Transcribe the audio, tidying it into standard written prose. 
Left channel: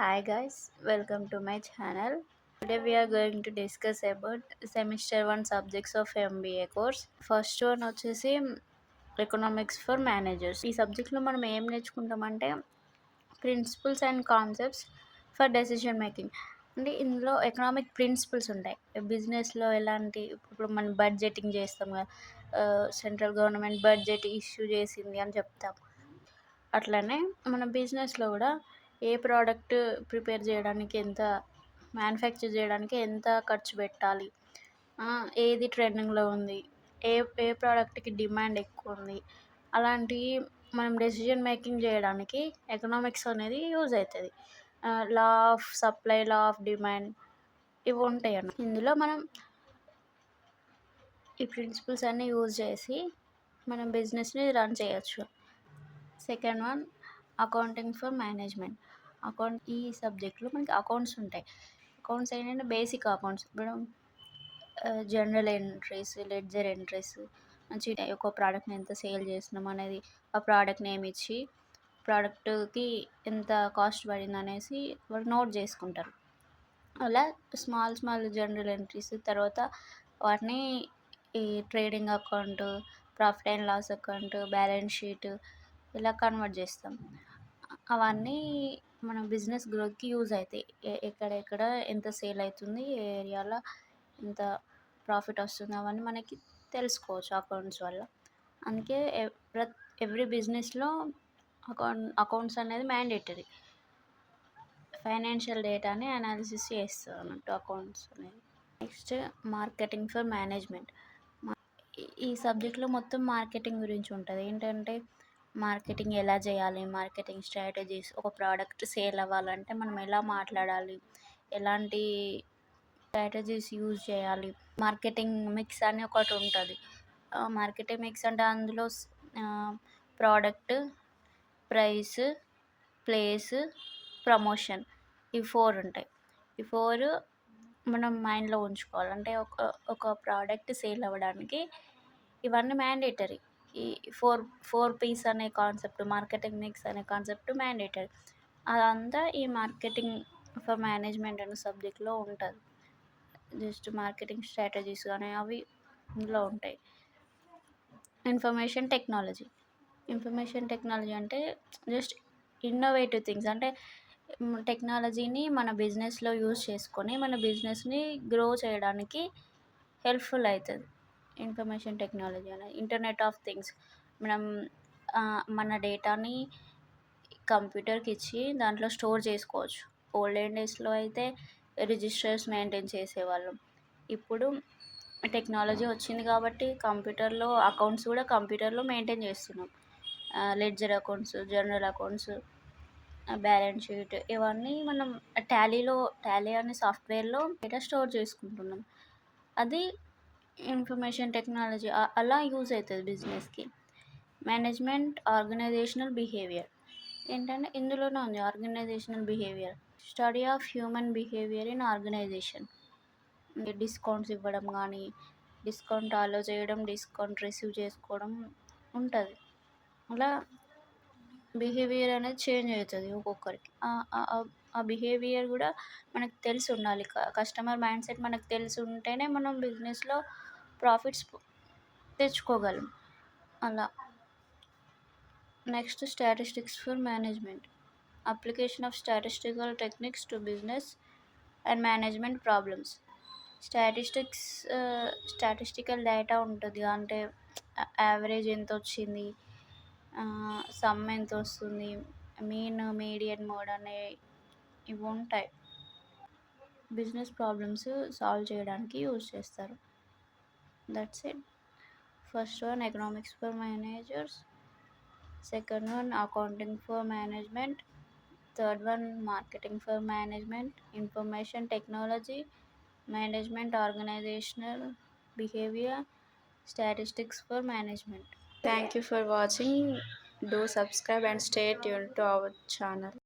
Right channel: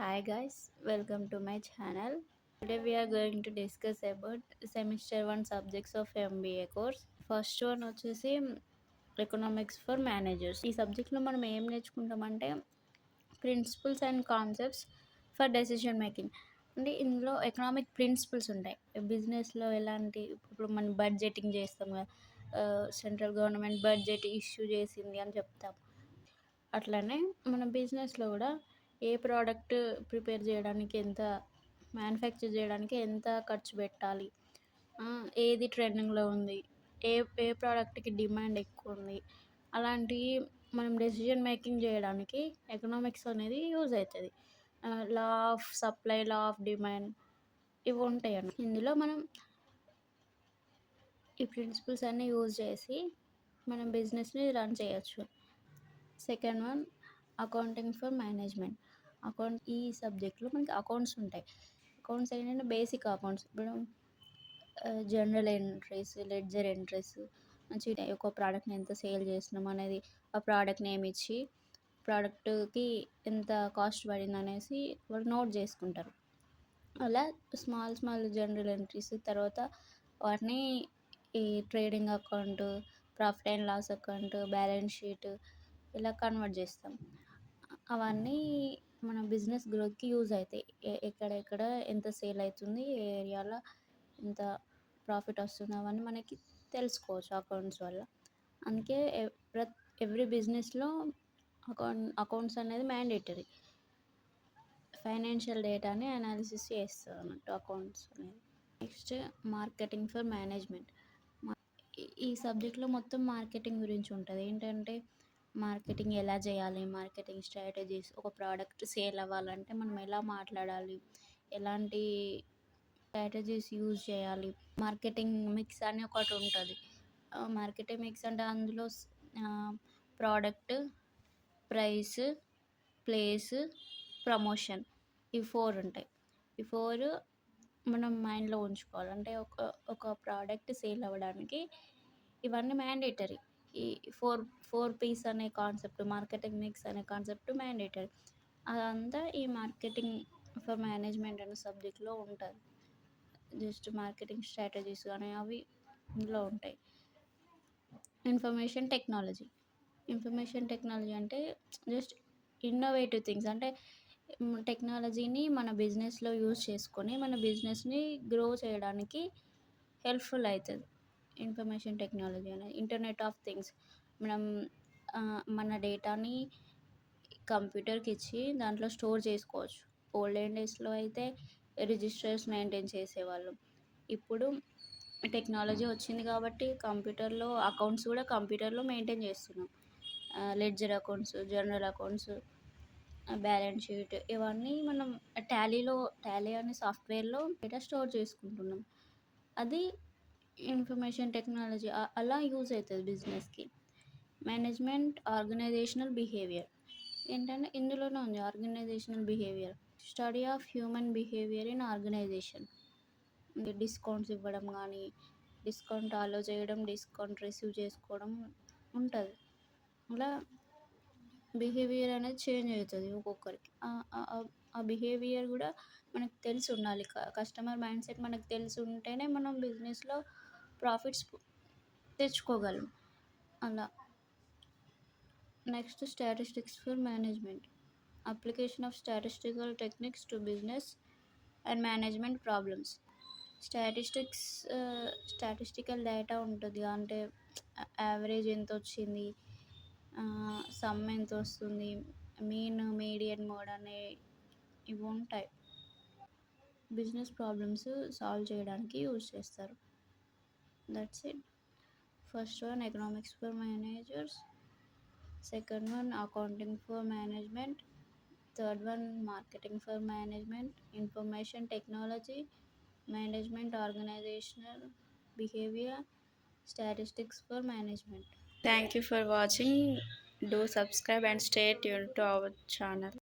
Hi guys, welcome to my channel. Today we are going to discuss about semester 1 subjects of MBA course. First one వచ్చేసి economics for managers. ఈ సబ్జెక్ట్లో మనం ఏం నేర్చుకుంటామంటే principles and concepts for decision making. అంటే ఇందులో economic principles ఉంటాయి. బిజినెస్లో ఎలాంటి ఇప్పుడు మనం బడ్జెటింగ్ చేస్తాం కదా, సెంట్రల్ గవర్నమెంట్ బడ్జెట్ ఇష్యూ చేసింది అని చెప్తాం. అట్లనే మన బిజినెస్లో కూడా ఏ ప్రోడక్ట్ ప్రిపేర్ చేయడానికి ఎంత, మ్యానుఫ్యాక్చర్ చేయడానికి ఎంత ఖర్చు పెట్టాలి, ఏది ట్రెండింగ్లో ఉంది, ఏ ఏ ప్రోడక్ట్కి డిమాండ్ ఎక్కువ ఉంది, అలాంటివి మనం డెసిషన్ మేకింగ్ చేయడానికి ఎకనామిక్స్ అనేది యూజ్ అవుతుంది. Law of supply, law of demand ఇవి ఉంటాయి అన్న. ఇందులో మనం ఈ ప్రిన్సిపల్స్ అన్నీ యూజ్ చేసి మనం బిజినెస్ని రన్ చేయొచ్చు. Second one accounting for management. ఈ సబ్జెక్ట్లో మనకి అకౌంట్స్ ఉంటాయి. అకౌంట్స్ ఏంటంటే బేసిక్ అకౌంట్స్. ఇప్పుడు జనరల్ ఎంట్రీస్, లెడ్జర్ ఎంట్రీస్, మంచి ఒక ప్రోడక్ట్ని ఎంత సేల్ చేస్తున్నాం అనేది, ఆ ప్రోడక్ట్ నేమ్ ఇచ్చి ప్రోడక్ట్కి ఎంత కాస్ట్ పడింది అనేసి వాళ్ళు నోట్ చేసుకుంటారు. అలా స్మాల్ జనరల్ ఎంట్రీస్ తర్వాత వాటిని ఈ trading account, profit and loss account, balance sheet ఇలా కన్వర్ట్ చేస్తాం. అవన్నీ మన బిజినెస్ గ్రోత్కి యూజ్ అవుతాయి. ఎక్కడెక్కడ ఎంత సేల్ అవుతుంది, ఏ ఏరియాలో ఎంత ప్రాఫిట్ వస్తుంది, అవన్నీ మనకి తెలుసుకోవచ్చు అకౌంట్స్ వల్ల. అందుకే ఎవ్రీ బిజినెస్లో అకౌంట్స్ అనేది మ్యాండేటరీ. ఫైనాన్షియల్ డేటాని అనాలిసిస్ చేస్తారు అన్నట్టు అకౌంట్స్ అనేది. Next marketing for management. ఈ సబ్జెక్ట్లో మొత్తం మార్కెటింగ్ గురించి ఉంటుంది. ఏంటంటే మార్కెటింగ్ ఎలా చేయాలి, మార్కెటింగ్ స్ట్రాటజీస్, ఒక ప్రోడక్ట్ సేల్ అవ్వాలంటే మనం ఎలా మాట్లాడాలి, ఎలాంటి స్ట్రాటజీస్ యూజ్ చేయాలి. మార్కెటింగ్ మిక్స్ అని ఒకటి ఉంటుంది. మార్కెటింగ్ మిక్స్ అంటే అందులో ప్రోడక్ట్, ప్రైస్, ప్లేస్, ప్రమోషన్, ఈ 4 ఉంటాయి. ఈ 4 మనం మైండ్లో ఉంచుకోవాలి. అంటే ఒక ప్రోడక్ట్ సేల్ అవ్వడానికి ఇవన్నీ మ్యాండేటరీ. ఈ ఫోర్ పీస్ అనే కాన్సెప్ట్, మార్కెటింగ్ మిక్స్ అనే కాన్సెప్ట్ మ్యాండేటరీ. అదంతా ఈ మార్కెటింగ్ ఫర్ మేనేజ్మెంట్ అనే సబ్జెక్ట్లో ఉంటుంది. జస్ట్ మార్కెటింగ్ స్ట్రాటజీస్ కానీ అవి ఇందులో ఉంటాయి. ఇన్ఫర్మేషన్ టెక్నాలజీ అంటే జస్ట్ ఇన్నోవేటివ్ థింగ్స్. అంటే టెక్నాలజీని మన బిజినెస్లో యూజ్ చేసుకొని మన బిజినెస్ని గ్రో చేయడానికి హెల్ప్ఫుల్ అవుతుంది. ఇన్ఫర్మేషన్ టెక్నాలజీ అనేది ఇంటర్నెట్ ఆఫ్ థింగ్స్. మనం మన డేటాని కంప్యూటర్కి ఇచ్చి దాంట్లో స్టోర్ చేసుకోవచ్చు. ఓల్డెన్ డేస్లో అయితే రిజిస్టర్స్ మెయింటైన్ చేసేవాళ్ళం. ఇప్పుడు టెక్నాలజీ వచ్చింది కాబట్టి కంప్యూటర్లో అకౌంట్స్ కూడా కంప్యూటర్లో మెయింటైన్ చేస్తున్నాం. Ledger accounts, general accounts, balance sheet ఇవన్నీ మనం టాలీ అనే సాఫ్ట్వేర్లో డేటా స్టోర్ చేసుకుంటున్నాం. అది ఇన్ఫర్మేషన్ టెక్నాలజీ అలా యూజ్ అవుతుంది బిజినెస్కి. మేనేజ్మెంట్ ఆర్గనైజేషనల్ బిహేవియర్ ఏంటంటే ఇందులోనే ఉంది organisational behaviour. Study of human behaviour in organisation. Discounts ఇవ్వడం కానీ, డిస్కౌంట్ అలో చేయడం, డిస్కౌంట్ రిసీవ్ చేసుకోవడం ఉంటుంది. అలా బిహేవియర్ అనేది చేంజ్ అవుతుంది ఒక్కొక్కరికి. ఆ బిహేవియర్ కూడా మనకు తెలిసి ఉండాలి. కస్టమర్ మైండ్ సెట్ మనకు తెలిసి ఉంటేనే మనం బిజినెస్లో ప్రాఫిట్స్ తెచ్చుకోగలం. అలా next statistics for management. Application of statistical techniques to business and management problems. Statistical data ఉంటుంది. అంటే యావరేజ్ ఎంత వచ్చింది, సమ్ ఎంత వస్తుంది, మీన్, మీడియన్, మోడ్ అనే ఇవి ఉంటాయి. బిజినెస్ ప్రాబ్లమ్స్ సాల్వ్ చేయడానికి యూజ్ చేస్తారు. That's it. First one economics for managers, second one accounting for management, third one marketing for management, information technology, management organisational behaviour, statistics for management. Thank you for watching. Do subscribe and stay tuned to our channel.